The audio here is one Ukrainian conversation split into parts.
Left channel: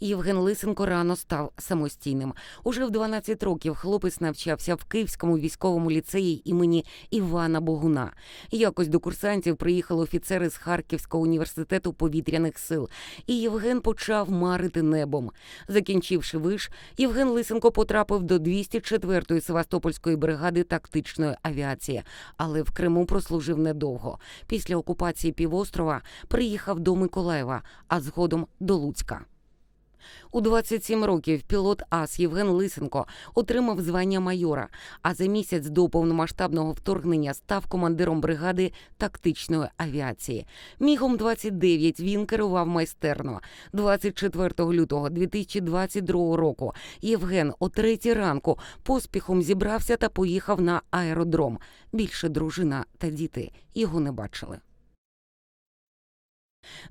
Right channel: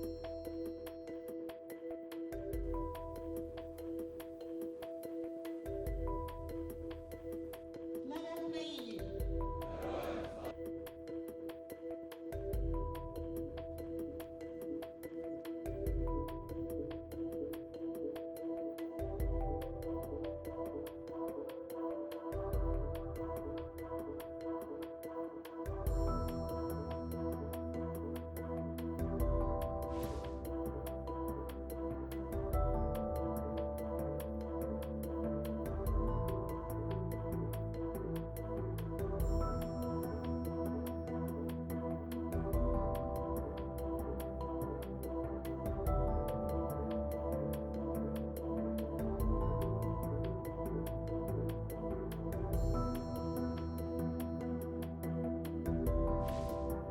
Євген Лисенко рано став самостійним. Уже в 12 років хлопець навчався в Київському військовому ліцеї імені Івана Богуна. Якось до курсантів приїхали офіцери з Харківського університету повітряних сил, і Євген почав марити небом. Закінчивши виш, Євген Лисенко потрапив до 204-ї Севастопольської бригади тактичної авіації, але в Криму прослужив недовго. Після окупації півострова приїхав до Миколаєва, а згодом до Луцька. У 27 років пілот АС Євген Лисенко отримав звання майора, а за місяць до повномасштабного вторгнення став командиром бригади тактичної авіації. Мігом 29 він керував майстерно. 24 лютого 2022 року Євген о третій ранку поспіхом зібрався та поїхав на аеродром. Більше дружина та діти його не бачили.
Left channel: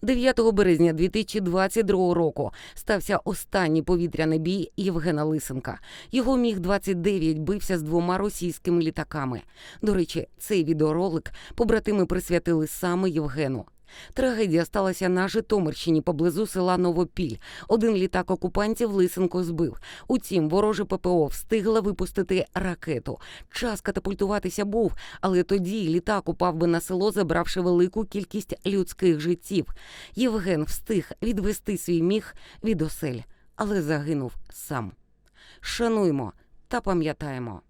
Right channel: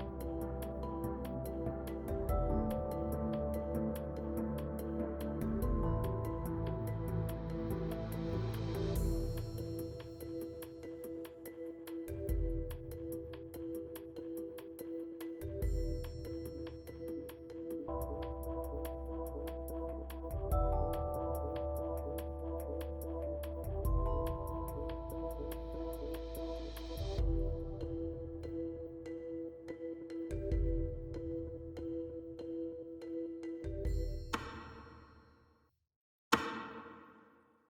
9 березня 2022 року стався останній повітряний бій Євгена Лисенка. Його міг 29 бився з двома російськими літаками. До речі, цей відеоролик побратими присвятили саме Євгену. Трагедія сталася на Житомирщині поблизу села Новопіль. Один літак окупантів Лисенко збив. Утім, вороже ППО встигла випустити ракету. Час катапультуватися був, але тоді літак упав би на село, забравши велику кількість людських життів. Євген встиг відвести свій міг від осель, але загинув сам. Шануймо та пам'ятаємо.